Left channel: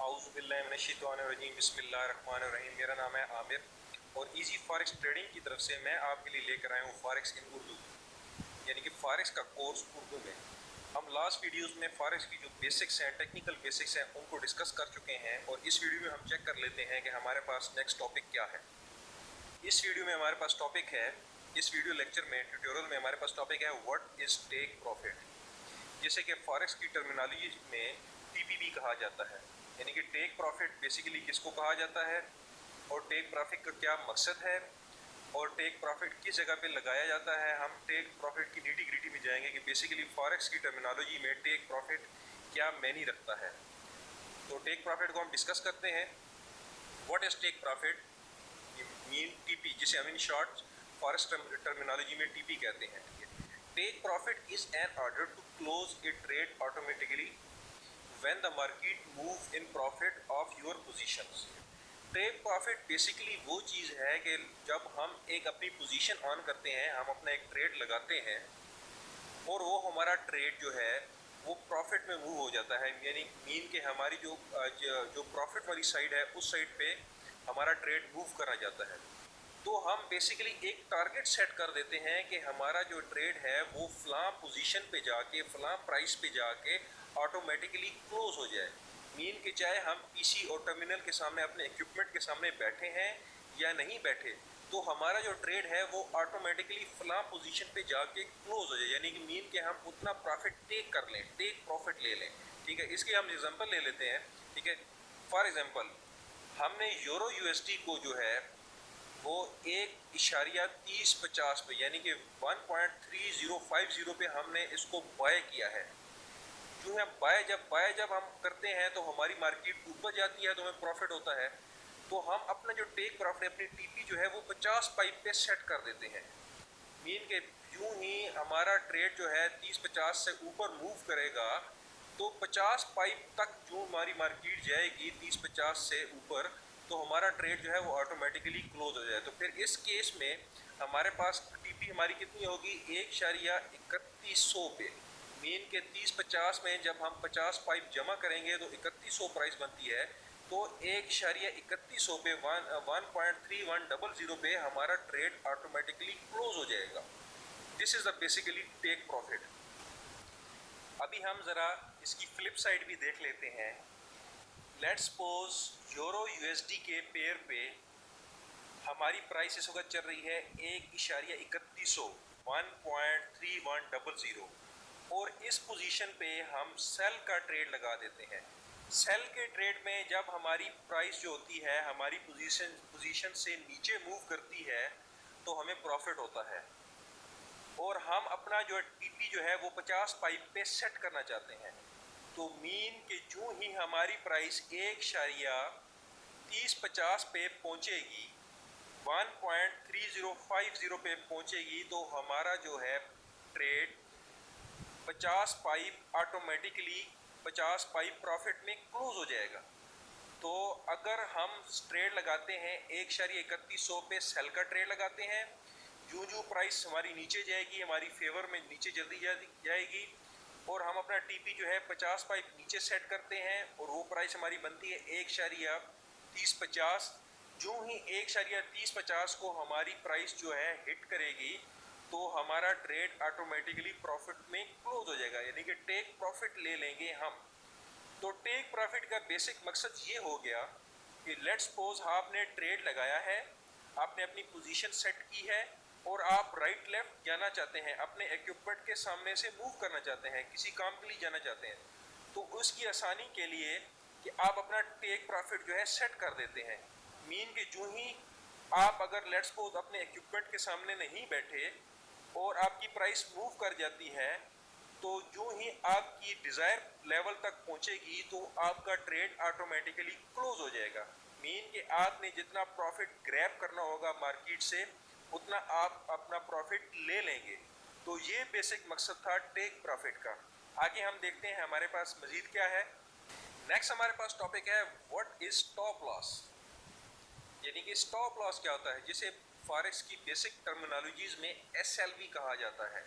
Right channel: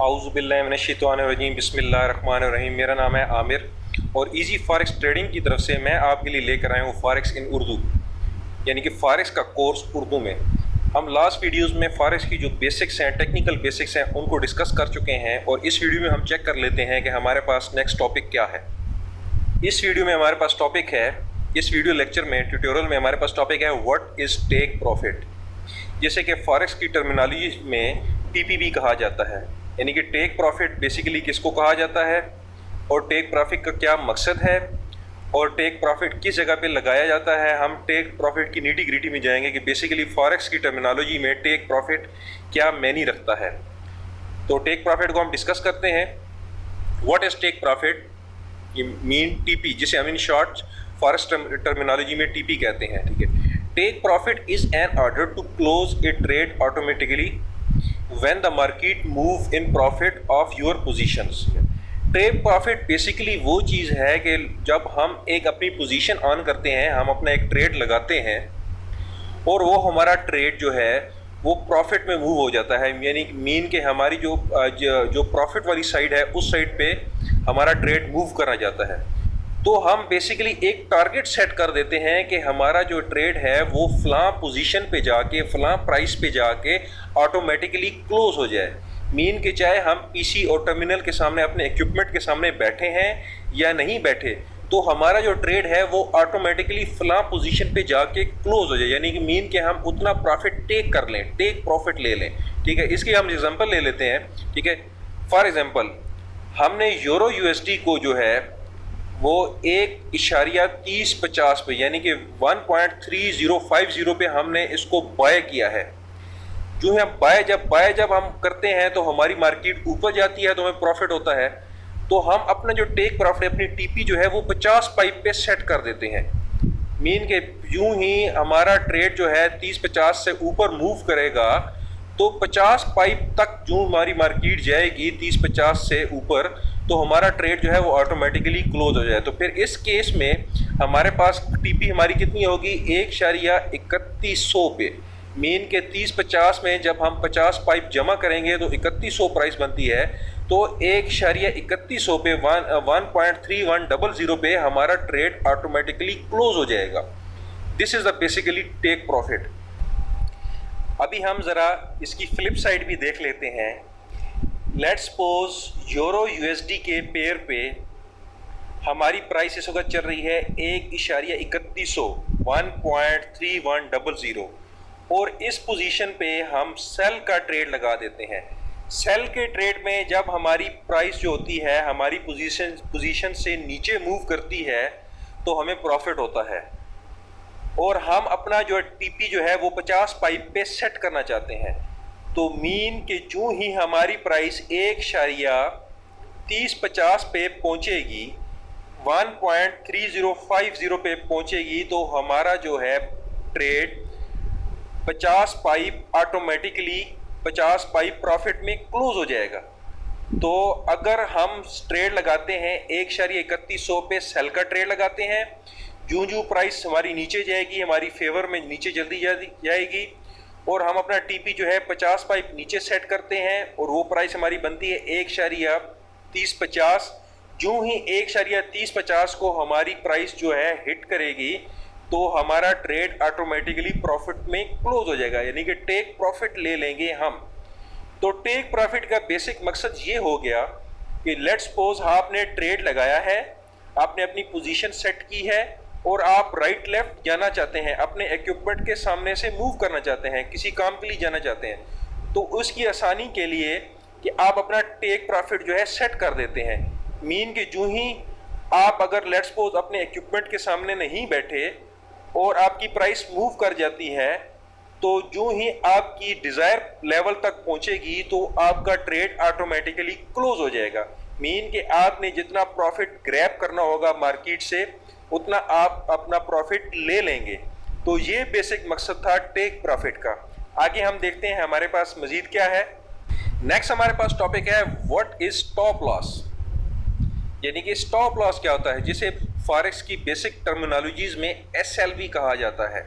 आऊज़ुबिल्लाहिमिनश्शैतानिर्रजीम बिस्मिल्लाहिर्रहमानिर्रहीम। मेरा नाम है आमिर और इजी फॉरेक्स ट्रेडिंग की तरफ से मैं आपके लिए लेकर आया हूँ फॉरेक्स इन उर्दू, यानी कि फॉरेक्स का कोर्स उर्दू में। हम लास्ट वीडियोस में फॉरेक्स की जो बेसिक्स हैं, टेक्निकल बेसिक्स हैं, उनको डिस्कस कर चुके हैं और इस वीडियो में हम चेक कर लेते हैं कि हमारे पास नेक्स्ट टॉपिक क्या है। इस वीडियो में हमारे पास टॉपिक है, इस वीडियो लेक्चर में, ट्यूटोरियल में हमारे पास टॉपिक है व्हाट इज़ टेक प्रॉफिट, जैसे कि फॉरेक्स की टर्मिनोलॉजी में टीपीबी कहा जाता है, यानी कि टेक प्रॉफिट बेसिकली किसको कहा जाता है और टेक प्रॉफिट का क्या मकसद है और टेक प्रॉफिट किस जगह पे लगाया जाता है। हम टेक प्रॉफिट की नीटी ग्रिटी में जाएंगे कि बेसिकली फॉरेक्स की टर्मिनोलॉजी में टेक प्रॉफिट क्या मैनी रखता है। तो टेक प्रॉफिट को हम डिस्कस करते हैं। व्हाट इज टेक प्रॉफिट, ये मीन टीपी, जिसे हम इन शॉर्ट फॉरेक्स टर्मिनोलॉजी में टीपी कहते हैं, ठीक है। Take profit is an order to close a trade automatically when the market move in profit of your positions। Take profit basically वो चीज़ है कि जब हम एक अपनी पोजीशन ऑन करते हैं, हम अपना एक ट्रेड लगाते हैं और वो हमारा ट्रेड जो है वो प्रॉफिट में मूव हो जाता है, यानी मीन के हमारी जो प्रॉफिट वाली साइड है उस साइड पे हमारा ट्रेड मूव करा जाता है। तो हम बेसिकली एक टारगेट सेट कर देते हैं कि हमारा जो ट्रेड है वो फलां पोजीशन पे जाके, फलां प्राइस पे जाके ऑटोमेटिकली क्लोज हो जाए। मीन के चाहे हम पीसी और टर्मिनल के सामने अपने इक्विपमेंट के सामने बैठे हैं या नहीं बैठे, तो हमारा जो ट्रेड है वो ऑटोमेटिकली फलां पोजीशन पे जाके क्लोज हो जाए, यानी कि मीन के हम उतना प्रॉफिट टेक कर लें, टेक प्रॉफिट ले लें, ठीक है। इसकी हम एग्जांपल ले लेते हैं, ठीक है। फॉर एग्जांपल हमने यूरो यूएसडी को जो है वो 1.3050 पे, यानी कि 1.3050 पे हमने इसको बाय किया है। जो है बाय जब हम करते हैं तो हमारी मार्केट ऊपर जाती है तो हमें प्रॉफिट होता है। तो हम अपना जो टेक प्रॉफिट, अपनी टीपी जो है वो 50 पाइप पे सेट कर देते हैं। मीन के यूं ही हमारा ट्रेड जो है 30-50 से ऊपर मूव करेगा तो 50 पाइप तक जो हमारी मार्केट जाएगी 30-50 से ऊपर, तो हमारा ट्रेड जो है वो ऑटोमेटिकली क्लोज हो जाए। तो फिर इस केस में हमारे पास टीपी हमारी कितनी होगी, 1.3100 पे। मीन के 30-50 में जब हम 50 पाइप जमा करेंगे तो 3100 प्राइस बनती है, तो 1.3100 पे 1.3100 पे हमारा ट्रेड ऑटोमेटिकली क्लोज हो जाएगा। This is the basically take profit. अभी हम जरा इसकी फ्लिप साइड भी देख लेते हैं। लेट्स सपोज यूरो यूएसडी के पेयर पे हमारी प्राइस इस वक्त चल रही है 1.3100, 1.3100, और इस पोजीशन पे हम सेल का ट्रेड लगा देते हैं। सेल के ट्रेड में जब हमारी प्राइस जो होती है हमारी पोजीशन से नीचे मूव करती है तो हमें प्रॉफिट होता है, और हम अपना जो टीपी जो है वो 50 पाइप पे सेट करना चाहते हैं। तो मीन के जो ही हमारी प्राइस 1.3050 पे पहुंचेगी, 1.3050 पे पहुंचेगी, तो हमारा जो है trade 50 pipe automatically 50 pipe profit में क्लोज हो जाएगा। तो अगर हम ट्रेड लगाते हैं 1.3100 पे सेल का ट्रेड लगाते हैं, जो प्राइस हमारी नीचे जाएगी, हमारी फेवर में नीचे जल्दी जाएगी, और हम अपना टीपी जो है 50 पाइप नीचे सेट करते हैं और वो प्राइस हमारी बनती है 1.3050। जो ही 1.3050 को हमारी प्राइस जो है हिट करेगी तो हमारा ट्रेड ऑटोमेटिकली प्रॉफिट में क्लोज हो जाएगा, यानी कि टेक प्रॉफिट ले लेंगे हम। तो टेक प्रॉफिट का बेसिक मकसद ये हो गया कि लेट्स सपोज आपने ट्रेड लगाया है, आपने अपनी पोजीशन सेट की है और आप राइट लेफ्ट जाना चाहते हैं, अपने इक्विपमेंट के सामने से मूव करना चाहते हैं, किसी काम के लिए जाना चाहते हैं, तो उसकी आसानी के लिए कि आप अपना टेक प्रॉफिट जो है सेट कर देते हैं। मीन के जो ही आप अगर लेट्स सपोज अपने इक्विपमेंट के सामने नहीं बैठे और आपकी प्राइस मूव कर जाती है, तो जो ही आपकी डिजायर लेवल तक पहुंचेगी तो आपका ट्रेड ऑटोमेटिकली क्लोज हो जाएगा। मीन के आपने जितना प्रॉफिट ग्रैब करना होगा मार्केट से उतना आप अपना प्रॉफिट ले लेंगे। तो ये बेसिक मकसद था टेक प्रॉफिट का। आगे हम देखते हैं हमारे पास मजीद क्या है। नेक्स्ट हमारे पास टॉपिक है व्हाट इज स्टॉप लॉस, यानी कि स्टॉप लॉस क्या होता है, जिसे फॉरेक्स की बेसिक टर्मिनोलॉजीज में एसएलवी कहा जाता है।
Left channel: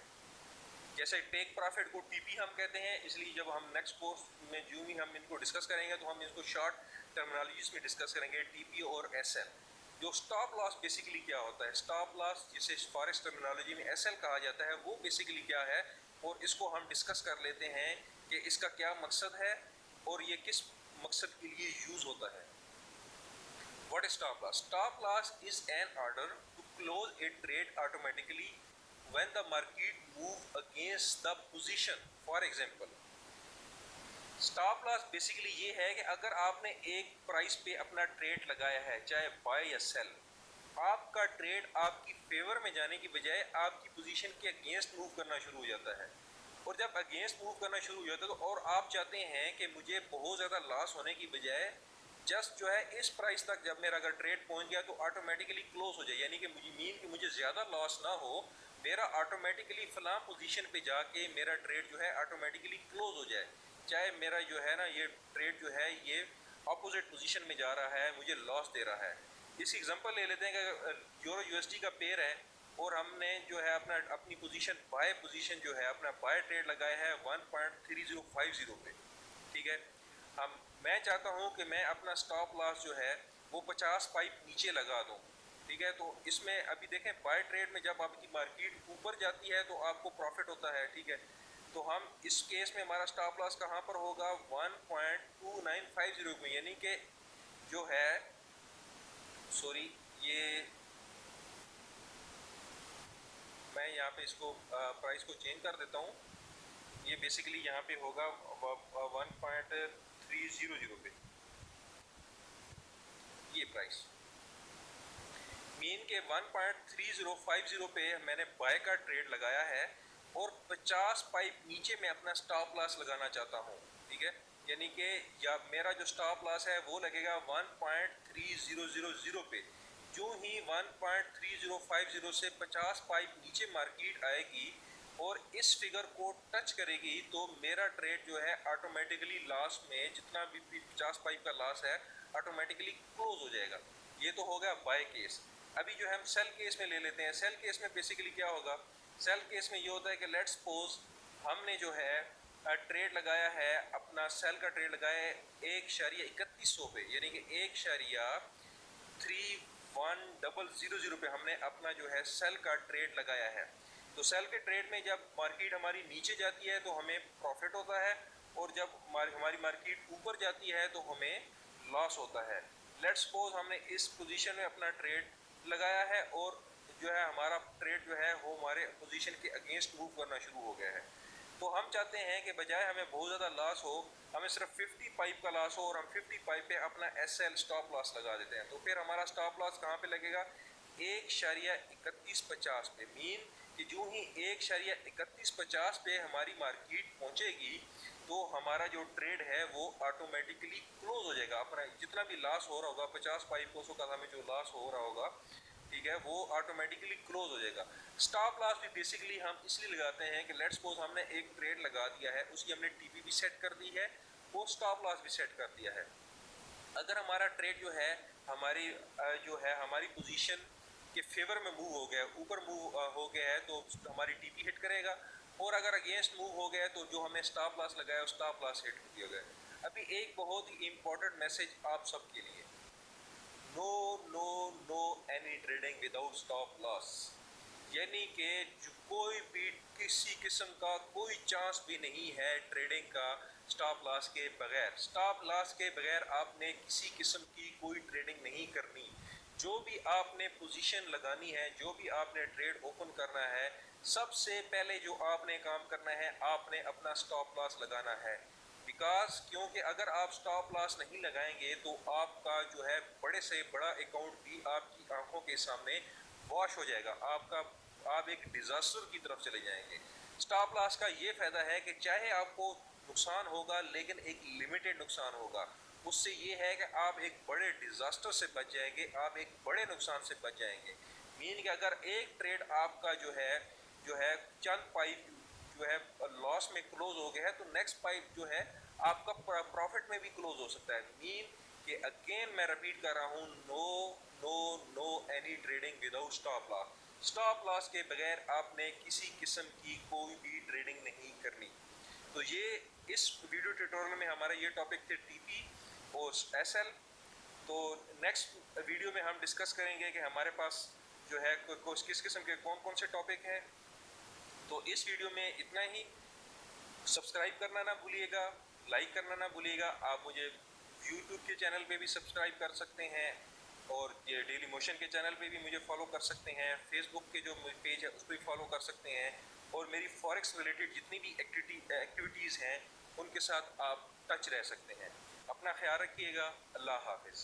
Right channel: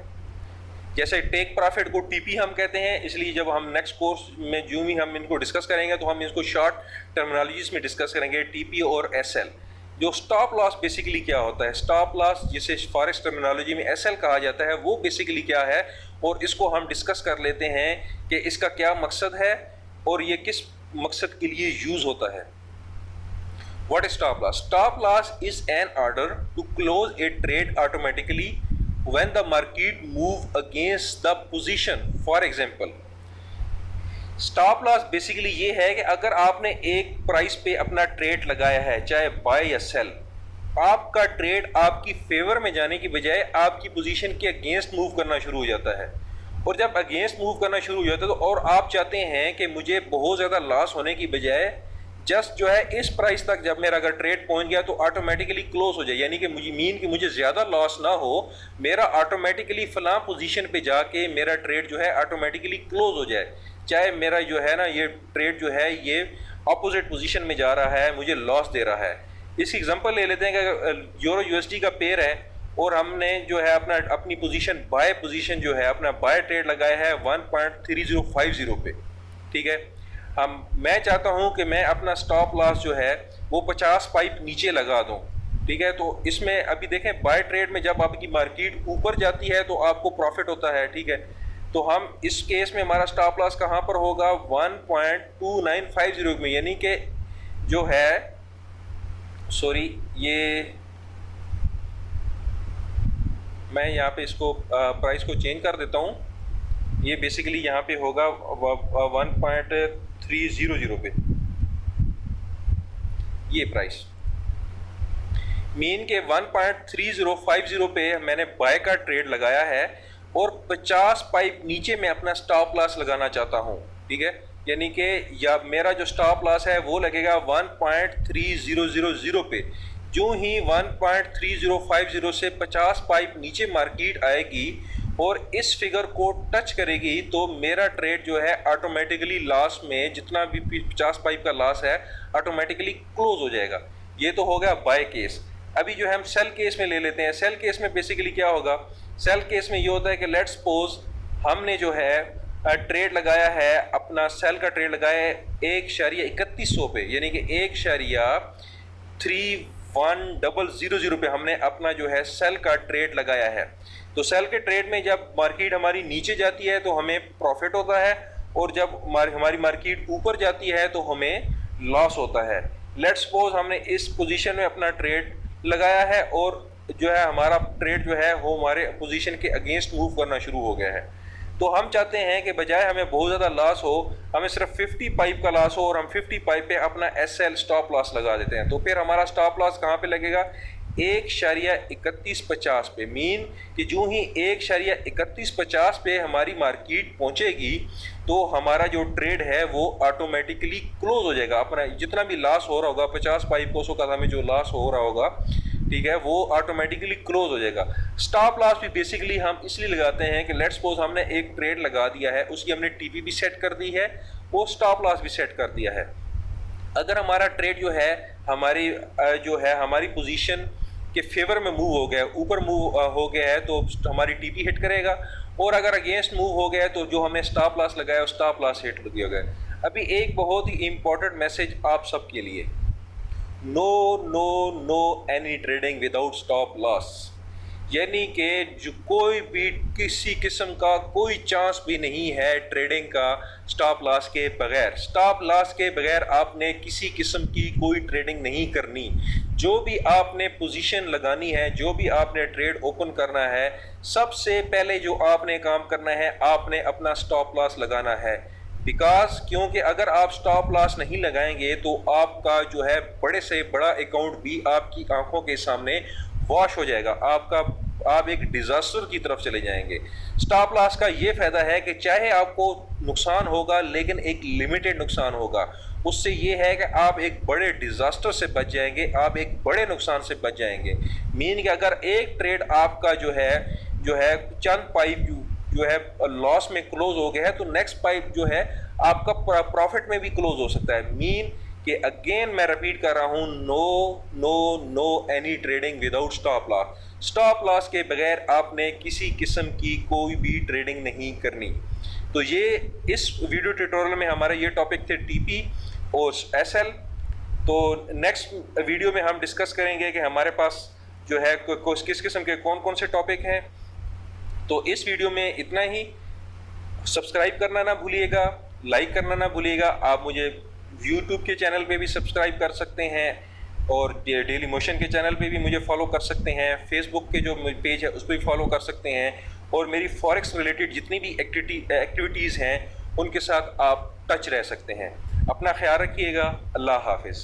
जैसे टेक प्रॉफिट को टीपी हम कहते हैं, इसलिए जब हम नेक्स्ट कोर्स में जो भी हम इनको डिस्कस करेंगे तो हम इसको शॉर्ट टर्मिनोलॉजीज में डिस्कस करेंगे, टीपी और एसएल। जो स्टॉप लॉस बेसिकली क्या होता है, स्टॉप लॉस जिसे फॉरेक्स टर्मिनोलॉजी में एसएल कहा जाता है, वो बेसिकली क्या है, और इसको हम डिस्कस कर लेते हैं कि इसका क्या मकसद है और ये किस मकसद के लिए यूज होता है। What is stop loss? Stop loss is an order to close a trade automatically when the market move against the position. For example, stop loss basically ये है कि अगर आपने एक प्राइस पे अपना ट्रेड लगाया है, चाहे बाय या सेल, आपका ट्रेड आपकी फेवर में जाने की बजाय आपकी पोजीशन के अगेंस्ट मूव करना शुरू हो जाता है। और जब अगेंस्ट मूव करना शुरू हो जाता है तो और आप चाहते हैं कि मुझे बहुत ज़्यादा लॉस होने की बजाय जस्ट जो है इस प्राइस तक जब मेरा अगर ट्रेड पहुंच गया तो ऑटोमेटिकली क्लोज हो जाए, यानी कि मुझे ज़्यादा लॉस ना हो, मेरा ऑटोमेटिकली फलां पोजीशन पे जाके मेरा ट्रेड जो है ऑटोमेटिकली क्लोज हो जाए, चाहे मेरा जो है ना ये ट्रेड जो है ये अपोजिट पोजीशन में जा रहा है, मुझे लॉस दे रहा है। इसकी एग्जांपल ले लेते हैं कि यूरो यूएसडी का पेयर है और हमने जो है अपनी पोजीशन बाय पोजीशन जो है अपना बाय ट्रेड लगाया है 1.3050 पे, ठीक है। मैं चाहता हूं कि मैं अपना स्टॉप लॉस जो है वो 50 पाइप नीचे लगा दूं, ठीक है। तो इसमें अभी देखें बाय ट्रेड में जब आपकी मार्केट ऊपर जाती है तो आपको प्रॉफिट होता है, ठीक है। तो हम इस केस में हमारा स्टॉप लॉस कहां पर होगा, 1.2950 में, यानी कि जो है सॉरी ये मैं यहाँ पे इसको प्राइस को चेंज कर देता हूँ, ये बेसिकली यहाँ पे होगा 1.300 पे ये प्राइस, मीन के 1.3050 पे मैंने बाय का ट्रेड लगाया है और 50 पाइप नीचे मैं अपना स्टॉप लॉस लगाना चाहता हूँ, ठीक है। यानी कि या मेरा जो स्टॉप लॉस है वो लगेगा 1.3000 पे। जो ही 1.3050 से 50 पाइप नीचे मार्केट आएगी और इस फिगर को टच करेगी तो मेरा ट्रेड जो है ऑटोमेटिकली लॉस में, जितना भी 50 पाइप का लॉस है, ऑटोमेटिकली क्लोज हो जाएगा। ये तो हो गया बाय केस। अभी जो है हम सेल केस में ले लेते हैं। सेल केस में बेसिकली क्या होगा, सेल केस में ये होता है कि लेट्स सपोज हमने जो है ट्रेड लगाया है, अपना सेल का ट्रेड लगाया है 1.3100 पे, यानी कि 1.3100 पे हमने अपना जो है सेल का ट्रेड लगाया है। तो सेल के ट्रेड में जब मार्केट हमारी नीचे जाती है तो हमें प्रॉफिट होता है और जब हमारी मार्केट ऊपर जाती है तो हमें लॉस होता है। लेट्स सपोज हमने इस पोजीशन में अपना ट्रेड लगाया है और जो है हमारा ट्रेड जो है वो हमारे पोजीशन के अगेंस्ट मूव करना शुरू हो गया है। तो हम चाहते हैं कि बजाय हमें बहुत ज़्यादा लॉस हो, हमें सिर्फ 50 पाइप का लॉस हो और हम 50 पाइप पे अपना एसएल स्टॉप लॉस लगा देते हैं। तो फिर हमारा स्टॉप लॉस कहाँ पे लगेगा, 1.3150 पे। मीन कि जो ही 1.3150 पे हमारी मार्केट पहुंचेगी तो हमारा जो ट्रेड है वो ऑटोमेटिकली क्लोज हो जाएगा। अपना जितना भी लॉस हो रहा होगा, 50 पाइप को का में जो लॉस हो रहा होगा, ठीक है, वो ऑटोमेटिकली क्लोज हो जाएगा। स्टॉप लॉस भी बेसिकली हम इसलिए लगाते हैं कि लेट्स सपोज हमने एक ट्रेड लगा दिया है, उसकी हमने टीपी भी सेट कर दी है, वो स्टॉप लॉस भी सेट कर दिया है। अगर हमारा ट्रेड जो है हमारी पोजीशन के फेवर में मूव हो गया, ऊपर मूव हो गया है तो हमारी टीपी हिट करेगा, और अगर अगेंस्ट मूव हो गया है तो जो हमने स्टॉप लॉस लगाया स्टॉप लॉस हिट कर दिया गया। अभी एक बहुत ही इंपॉर्टेंट मैसेज आप सबके लिए, no no no any trading without stop loss, यानी कि जो कोई भी किसी किस्म का कोई चांस भी नहीं है ट्रेडिंग का स्टॉप लॉस के बगैर। स्टॉप लॉस के बगैर आपने किसी किस्म की कोई ट्रेडिंग नहीं करनी। जो भी आपने पोजीशन लगानी है, जो भी आपने ट्रेड ओपन करना है, सबसे पहले जो आपने काम करना है, आपने अपना स्टॉप लॉस लगाना है। क्योंकि अगर आप स्टॉप लॉस नहीं लगाएंगे तो आपका जो है बड़े से बड़ा अकाउंट भी आपकी आंखों के सामने वॉश हो जाएगा, आप एक डिजास्टर की तरफ चले जाएंगे। स्टॉप लॉस का ये फायदा है कि चाहे आपको नुकसान होगा लेकिन एक लिमिटेड नुकसान होगा, उससे ये है कि आप एक बड़े डिजास्टर से बच जाएंगे, आप एक बड़े नुकसान से बच जाएंगे। मीन कि अगर एक ट्रेड आपका जो है चंद पाइप जो है लॉस में क्लोज हो गया है तो नेक्स्ट पाइप जो है आपका प्रॉफिट में भी क्लोज हो सकता है। मीन कि अगेन मैं रिपीट कर रहा हूं, no no no any trading without stop loss. Stop loss के बगैर आपने किसी किस्म की कोई भी ट्रेडिंग नहीं करनी। तो ये इस वीडियो ट्यूटोरियल में हमारे ये टॉपिक थे टीपी और एसएल। तो नेक्स्ट वीडियो में हम डिस्कस करेंगे कि हमारे पास जो है किस किस्म के कौन कौन से टॉपिक हैं। तो इस वीडियो में इतना ही। सब्सक्राइब करना ना भूलिएगा, लाइक करना ना भूलिएगा। आप मुझे यूट्यूब के चैनल पे भी सब्सक्राइब कर सकते हैं और डेली मोशन के चैनल पे भी मुझे फॉलो कर सकते हैं। फेसबुक के जो पेज है उस पर भी फॉलो कर सकते हैं और मेरी फॉरेक्स रिलेटेड जितनी भी एक्टिविटीज़ हैं उनके साथ आप टच रह सकते हैं। अपना ख्याल रखिएगा। अल्लाह हाफिज़।